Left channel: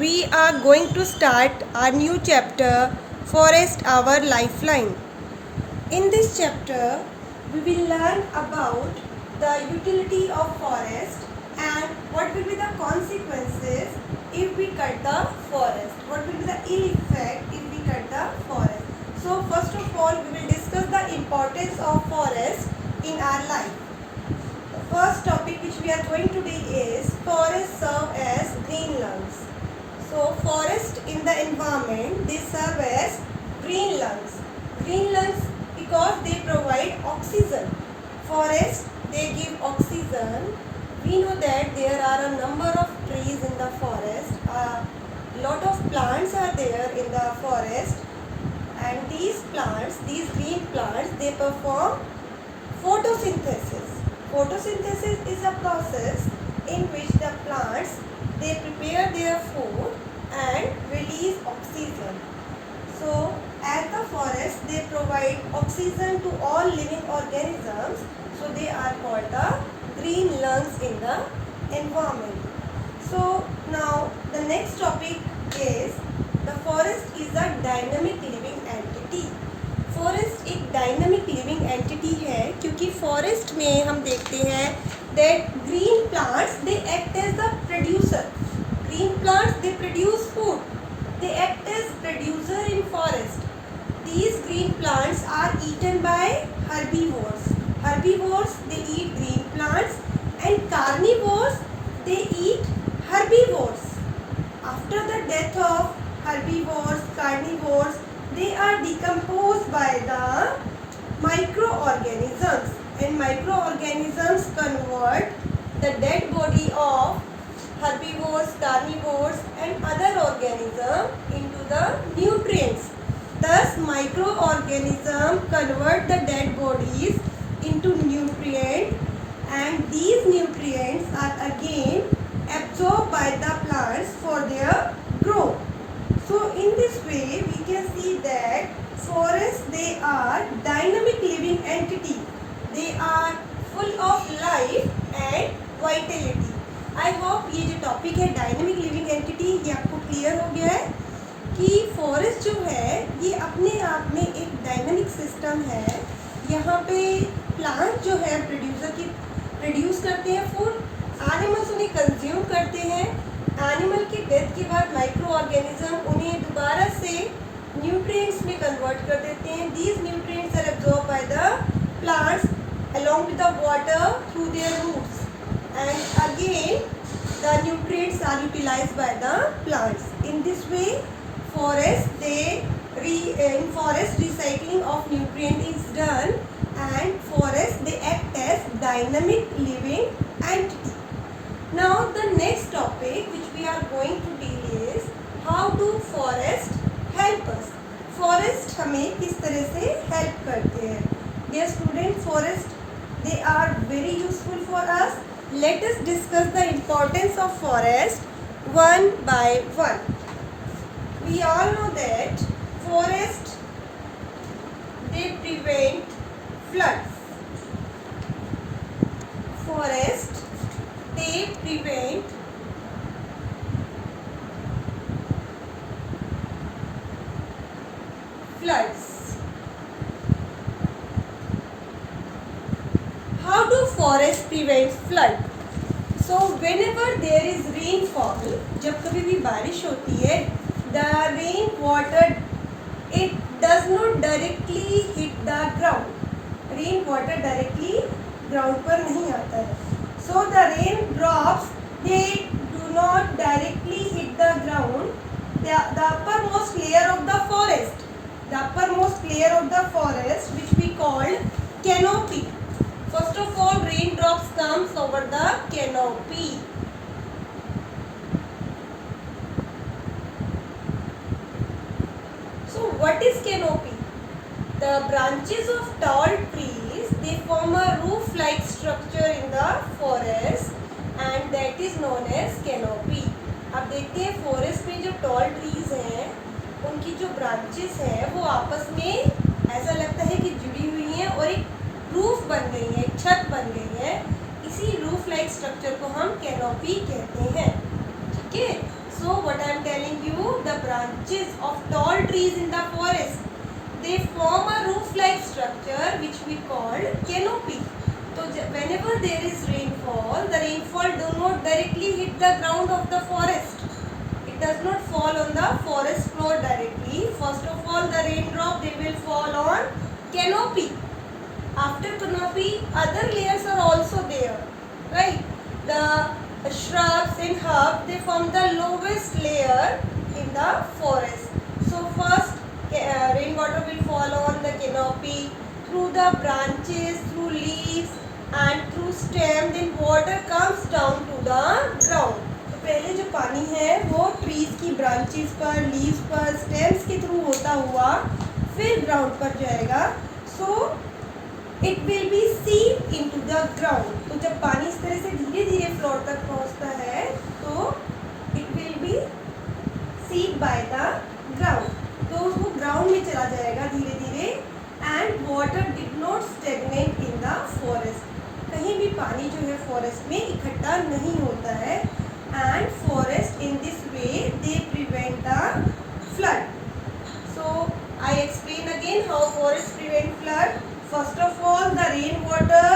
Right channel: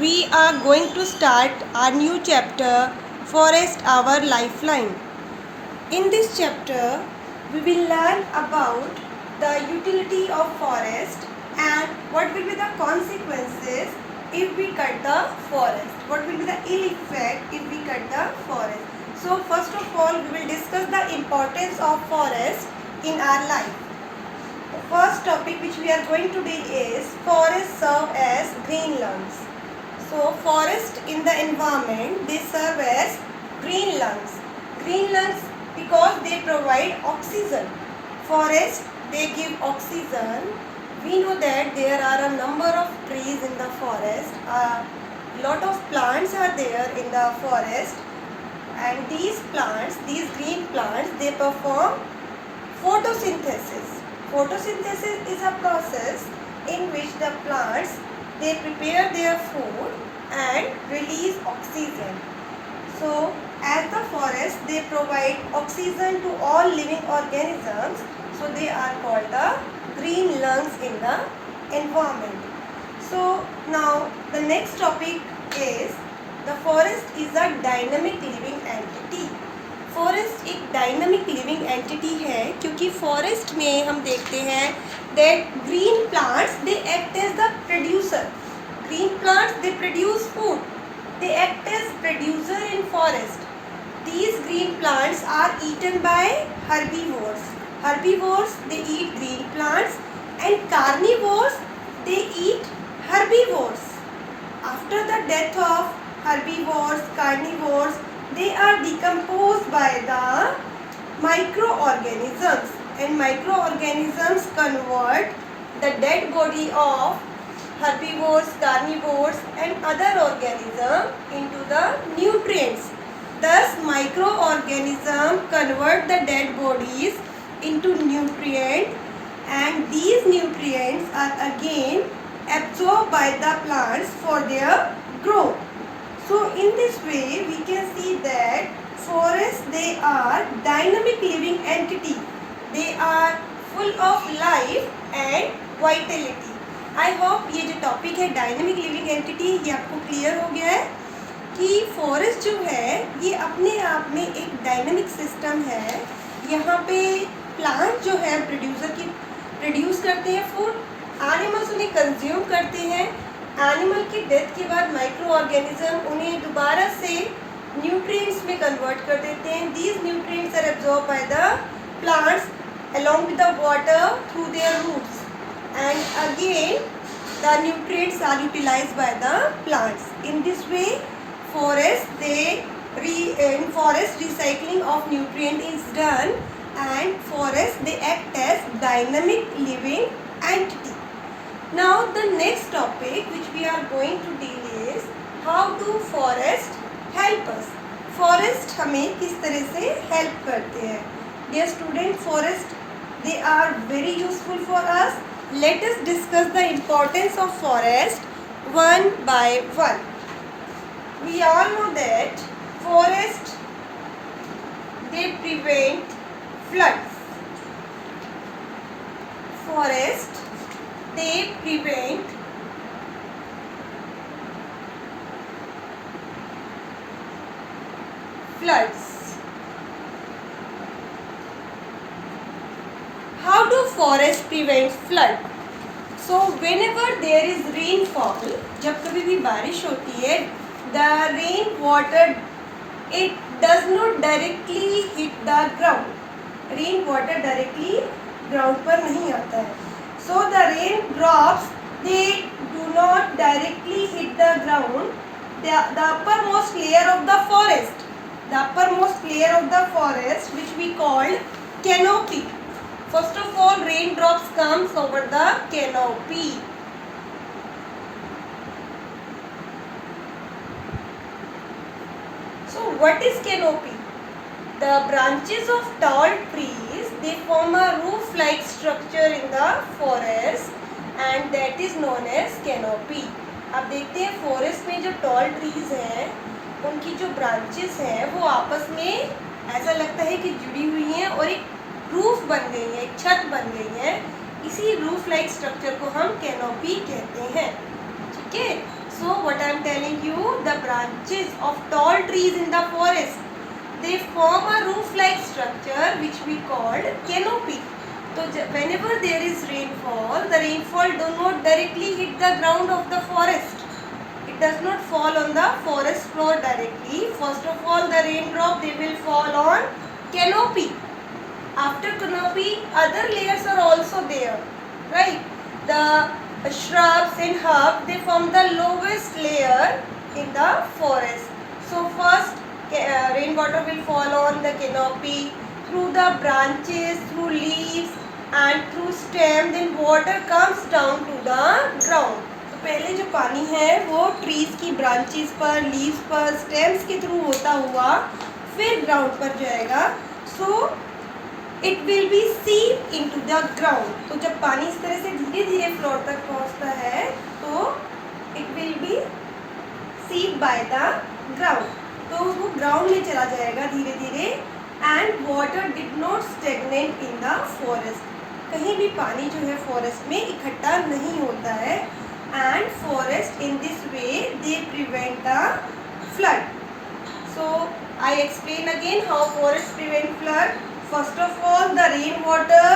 we are going to start our new chapter, Forest Our Lifeline. In this chapter, we will learn about the utility of forest and what will be the consequences if we cut the forest. What will be the ill effect if we cut the forest. So first of all, we will discuss the importance of forest in our life. The first topic which we are going to deal is forests serve as green lungs. So forest in the environment, they serve as green lungs. Green lungs because they provide oxygen. Forest, they give oxygen. We know that there are a number of trees in the forest. A lot of plants are there in the forest. And these plants, these green plants, they perform photosynthesis. Photosynthesis is a process in which the plants, they prepare their food and release oxygen. So as the forest, they provide oxygen to all living organisms, so they are called the green lungs in the environment. So now the next topic is the forest is a dynamic living entity. Forest एक dynamic living entity है क्योंकि forest में हम देखते हैं that green plants they act as the producer. Green plants they produce food, they act as producer in forest. These green plants are eaten by herbivores. Herbivores they eat green plants and carnivores they eat herbivores. After the death of herbivores, carnivores, they are decomposed by the microorganisms, and microorganisms convert the dead body of herbivores, carnivores and other organisms into the nutrients. Thus microorganisms convert the dead bodies into nutrients, and these nutrients are again absorbed by the plants for their growth. So in this way we can see that forests, they are dynamic living entity. They are full of life and vitality. I hope ये जो topic है dynamic living entity, ये आपको clear हो गया है कि forest जो है ये अपने आप में एक डायनेमिक सिस्टम है. यहाँ पे प्लांट जो है प्रोड्यूस करते हैं फूड, एनिमल्स उन्हें कंज्यूम करते हैं. एनिमल की डेथ के बाद माइक्रो ऑर्गेनिज्म उन्हें दोबारा से न्यूट्रिएंट्स में कन्वर्ट कर देते हैं. These nutrients are absorb by the plants along with the water through their roots, and again the nutrients are utilized by the plants. In this way forest recycling of nutrient is done, and forest they act as dynamic living entity. Now the next topic which we are going to deal is how do forest help us. Forest हमें किस तरह से help करते हैं. Dear student, forest they are very useful for us. Let us discuss the importance of forest one by one. We all know that forest they prevent floods. Forest they prevent floods. How do forests prevent flood? So whenever there is rainfall, जब कभी भी बारिश होती है, the rain water it does not directly hit the ground. Rain water directly ground पर नहीं आता है. So the rain drops they do not directly hit the ground. The uppermost layer of the forest, which we call canopy. First of all, raindrops comes over the canopy. So what is canopy? The branches of tall trees, they form a roof-like structure in the forest, and that is known as canopy. अब देखते हैं forest में जो tall trees हैं उनकी जो branches हैं वो आपस में ऐसा लगता है कि जुड़ी हुई हैं और एक रूफ बन गई है, एक छत बन गई है. इसी रूफ लाइक स्ट्रक्चर को हम कैनोपी कहते हैं. ठीक है. सो what I am telling you, the branches of tall trees in the forest, they form a roof-like structure which we called canopy. So whenever there is rainfall, the rainfall do not directly hit the ground of the forest. It does not fall on the forest floor directly. First of all, the raindrop, they will fall on canopy. After canopy, other layers are also there, right? The shrubs and herbs, they form the lowest layer in the forest. So first, rainwater will fall on the canopy, through the branches, through leaves and through stem, then water comes down to the ground. तो पहले जो पानी है वो trees की branches पर, leaves पर, stems के थ्रू होता हुआ फिर ग्राउंड पर जाएगा. सो इट विल बी सीप इन टू द ग्राउंड. तो जब पानी इस तरह से धीरे धीरे फ्लोर तक पहुंचता है तो it will be sheep by the ground. तो वो ग्राउंड में चला जाएगा धीरे धीरे. And water did not stagnant in the forest. कहीं भी पानी जो है फॉरेस्ट में इकट्ठा नहीं होता है. And forest in this way they prevent the flood. So I explain again how forest prevent flood. First of all, the rainwater,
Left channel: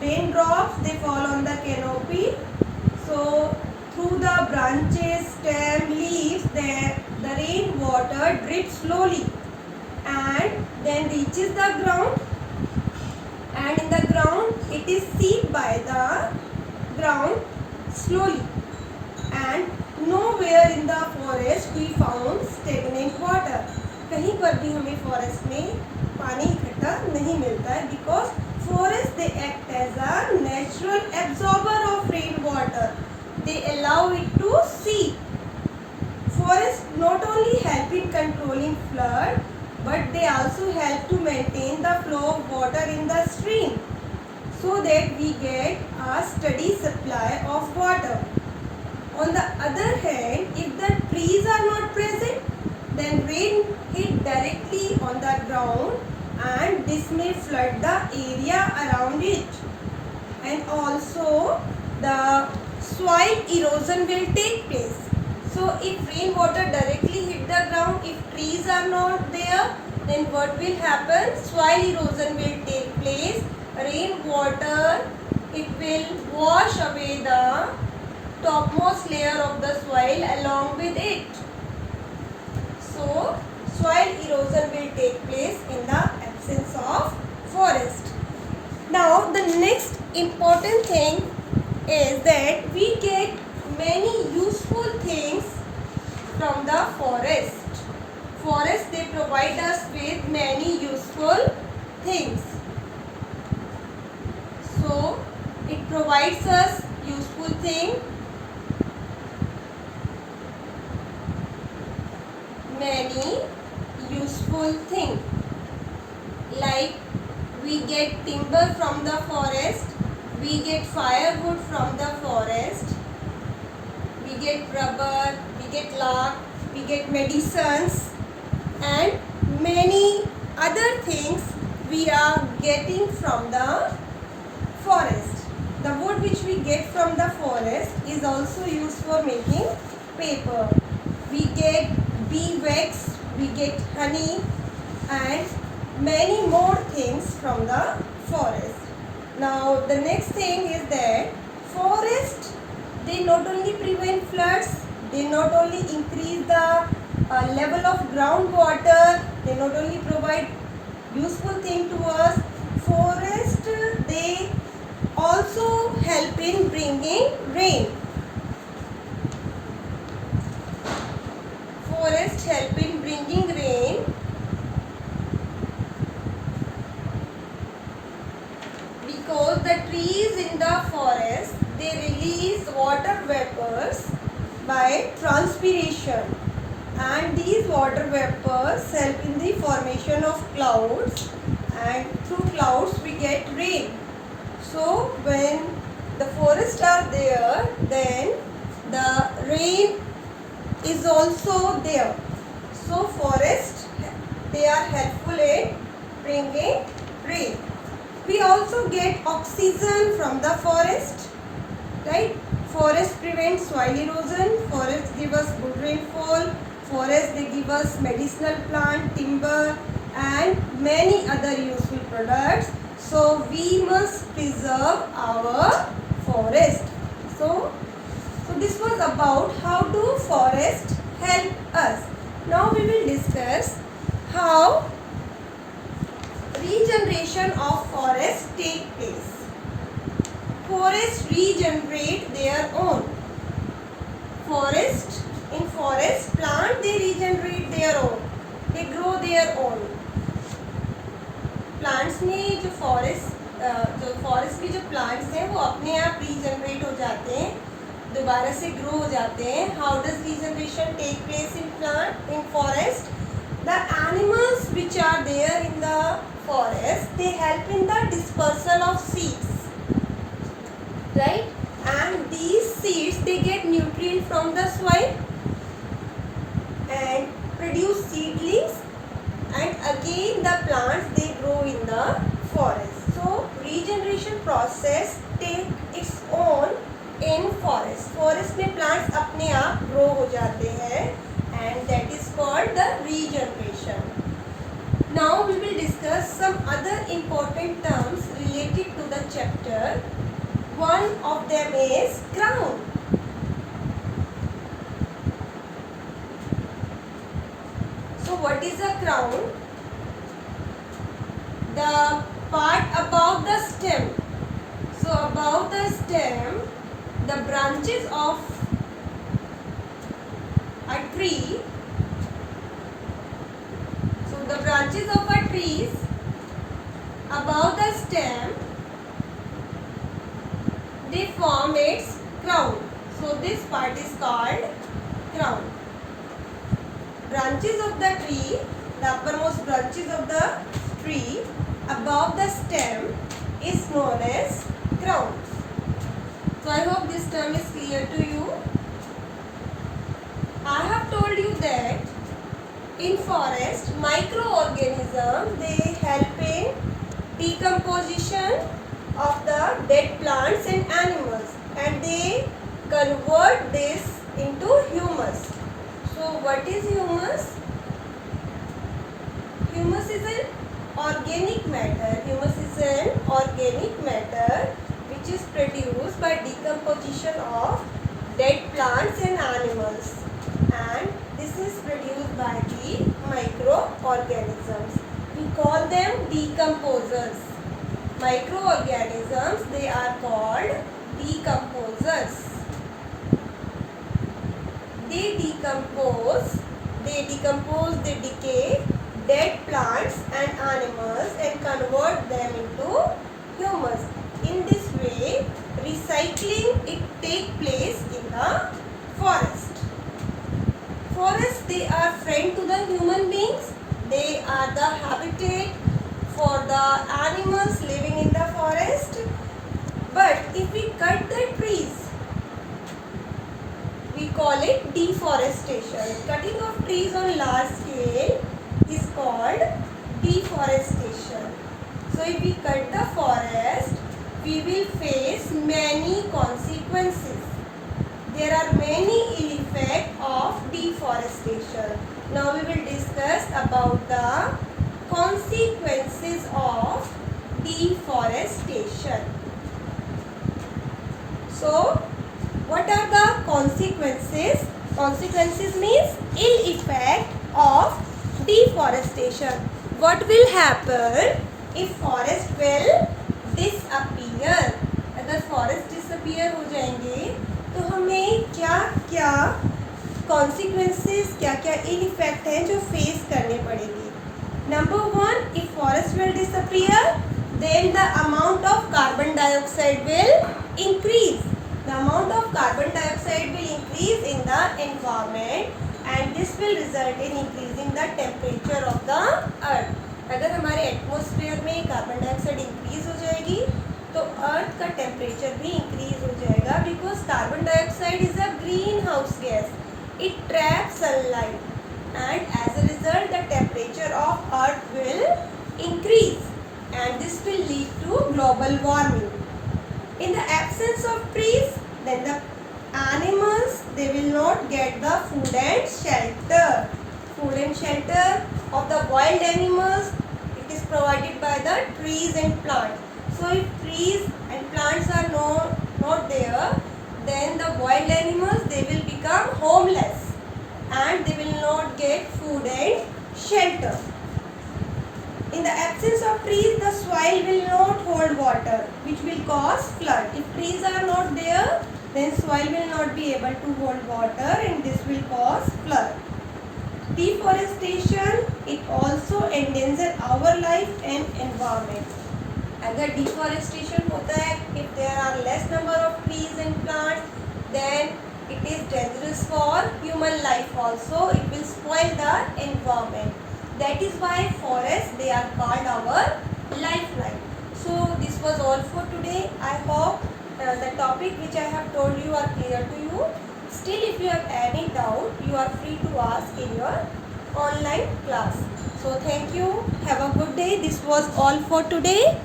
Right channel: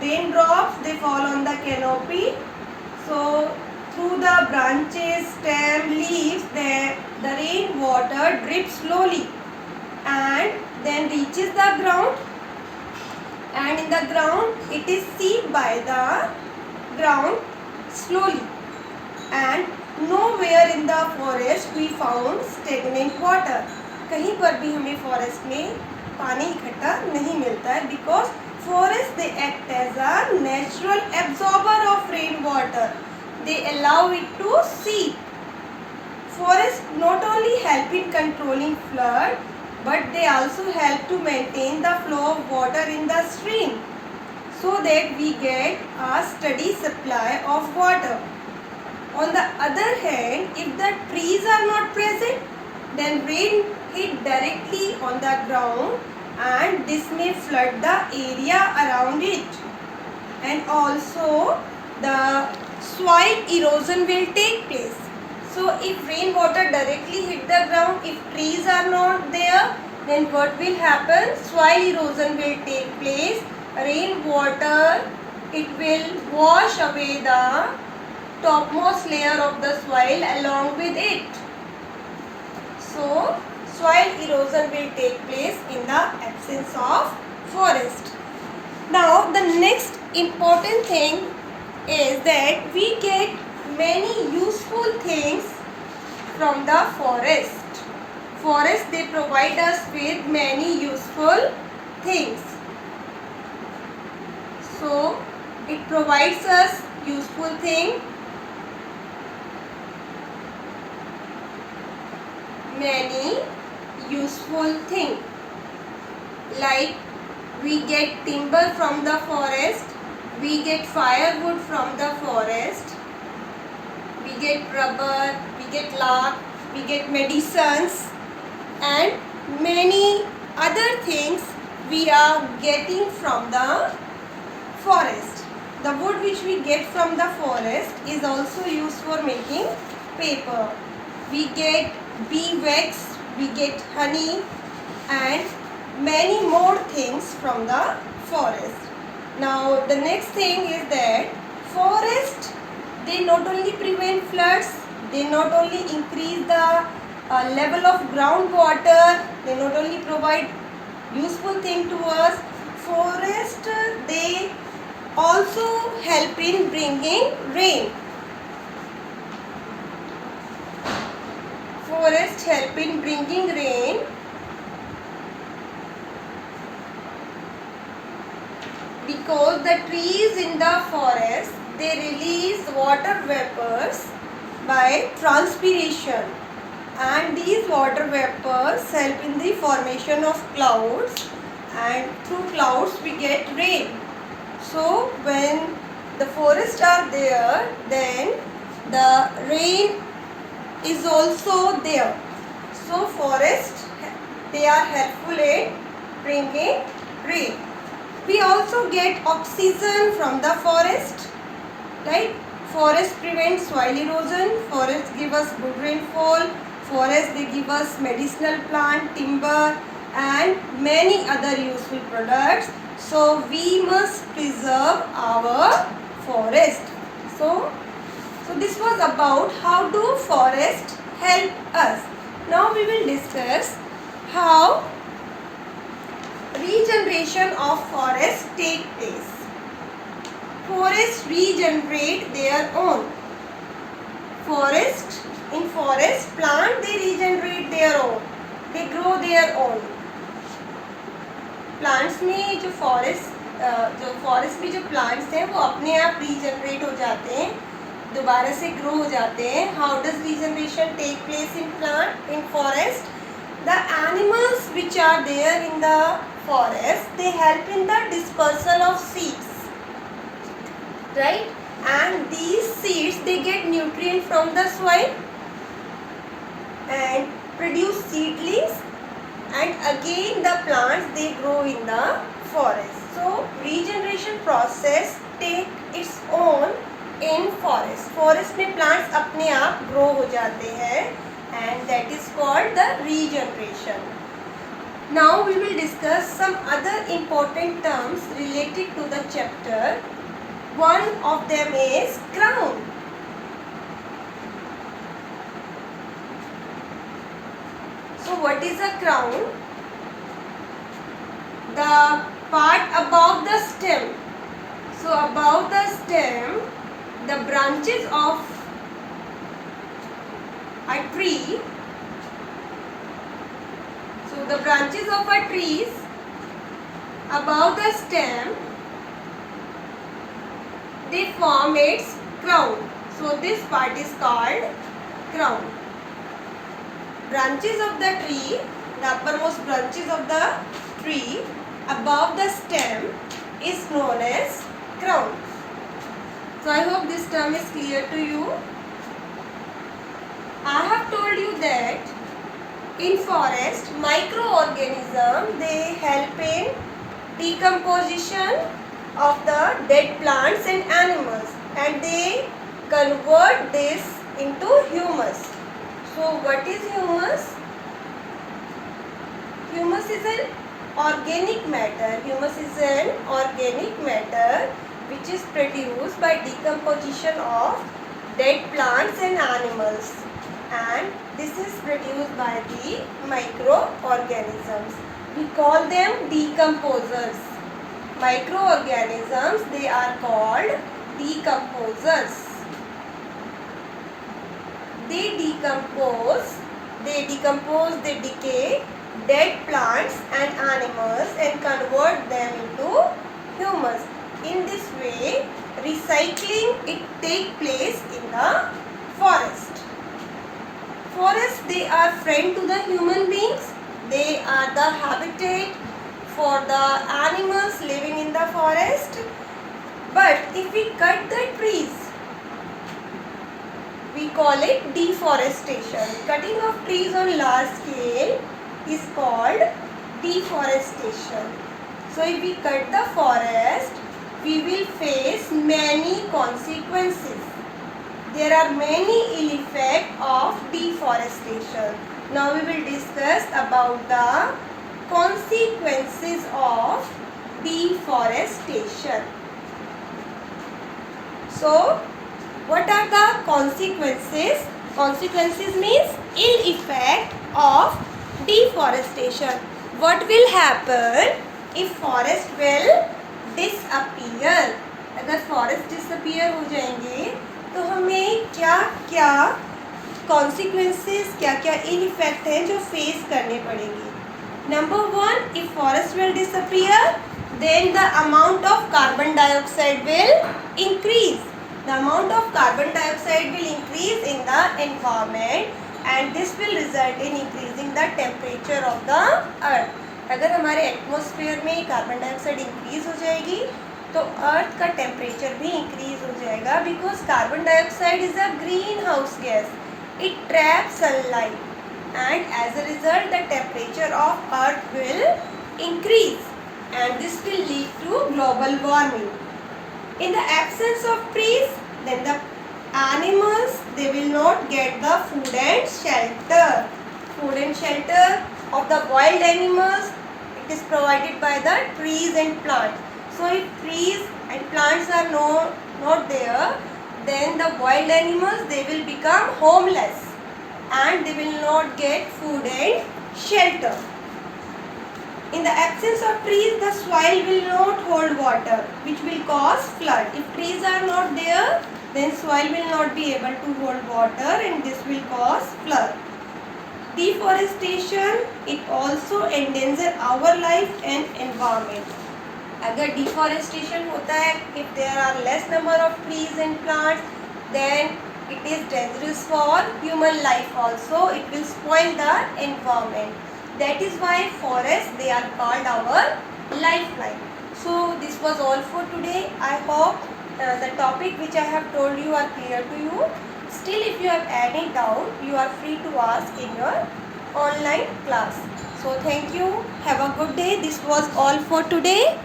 raindrops, they fall on the canopy. So through the branches, stem, leaves, the rainwater drips slowly and then reaches the ground. And in the ground, it is seeped by the ground slowly. And nowhere in the forest we found stagnant water. कहीं पर भी हमें forest में पानी इकट्ठा नहीं मिलता है. Because forest they act as a natural absorber of rain water. They allow it to seep. Forest not only help in controlling flood but they also help to maintain the flow of water in the stream so that we get a steady supply of water. On the other hand, if the trees are not present, then rain hit directly on the ground and this may flood the area around it. And also the soil erosion will take place. So if rainwater directly hit the ground, if trees are not there, then what will happen? Soil erosion will take place. Rainwater, it will wash away the topmost layer of the soil along with it. So soil erosion will take place in the absence of forest. Now the next important thing is that we get many useful things from the forest. Forest, they provide us with many useful things. So it provides us useful thing. Many useful things. Like we get timber from the forest, we get firewood from the forest, we get rubber, we get lard, we get medicines and many other things we are getting from the forest. The wood which we get from the forest is also used for making paper. We get bee wax, we get honey and many more things from the forest. Now the next thing is that forest, they not only prevent floods, they not only increase the level of groundwater, they not only provide useful thing to us. Forest, they also help in bringing rain. Forest help in bringing rain because the trees in the forest, they release water vapors by transpiration, and these water vapors help in the formation of clouds, and through clouds we get rain. So when the forests are there, then the rain is also there. So forests, they are helpful in bringing rain. We also get oxygen from the forest, right? forest prevent soil erosion, forests give us good rainfall, forests they give us medicinal plant, timber and many other useful products. So we must preserve our forest. So this was about how do forests help us. Now we will discuss how regeneration of forests take place. Forests regenerate their own. In forest plant they regenerate their own. They grow their own. Plants में जो forest में जो plants हैं वो अपने आप regenerate हो जाते हैं, दोबारा से ग्रो हो जाते हैं. How does regeneration take place in forest? The animals which are there in the forest they help in the dispersal of seeds, right? And these seeds they get nutrient from the soil and produce seedlings, and again the plants they grow in the forest. So regeneration process take its own in forest. Forest में plants अपने आप grow हो जाते हैं and that is called the regeneration. Now we will discuss some other important terms related to the chapter. One of them is crown. So what is a crown? The part above the stem. So above the stem, the branches of a tree. So the branches of a tree above the stem, they form its crown. So this part is called crown. Branches of the tree, the uppermost branches of the tree above the stem is known as crown. So I hope this term is clear to you. I have told you that in forest microorganisms they help in decomposition of the dead plants and animals, and they convert this into humus. So what is humus? Humus is an organic matter. Humus is an organic matter which is produced by decomposition of dead plants and animals, and this is produced by the microorganisms. We call them decomposers. Microorganisms, they are called decomposers. They decay dead plants and animals and convert them into humus. In this way, recycling it take place in the forest. Forests, they are friend to the human beings. They are the habitat for the animals living in the forest. But if we cut the trees, we call it deforestation. Cutting of trees on large scale is called deforestation. So if we cut the forest, we will face many consequences. There are many ill effects of deforestation. Now we will discuss about the consequences of deforestation. So what are the consequences? Consequences means ill effect of deforestation. What will happen if forest will disappear? अगर forest disappear हो जाएंगे तो हमें क्या क्या consequences, क्या क्या ill effect हैं जो face करने पड़ेंगे. Number one, if forest will disappear, then the amount of carbon dioxide will increase. The amount of carbon dioxide will increase in the environment, and this will result in increasing the temperature of the earth. अगर हमारे atmosphere में carbon dioxide increase हो जाएगी तो अर्थ का temperature भी increase हो जाएगा, because carbon dioxide is a green house gas. It traps sunlight and as a result the temperature of earth will increase, and this will lead to global warming. In the absence of trees, then the animals, they will not get the food and shelter. Food and shelter of the wild animals, it is provided by the trees and plants. So if trees and plants are not there, then the wild animals, they will become homeless and they will not get food and shelter. In the absence of trees, the soil will not hold water, which will cause flood. If trees are not there, then soil will not be able to hold water and this will cause flood. Deforestation, it also endangers our life and environment. अगर deforestation होता है, if there are less number of trees and plants, then it is dangerous for human life also. It will spoil the environment. That is why forests, they are called our lifeline. So this was all for today. I hope the topic which I have told you are clear to you. Still, if you have any doubt, you are free to ask in your online class. So thank you. Have a good day. This was all for today.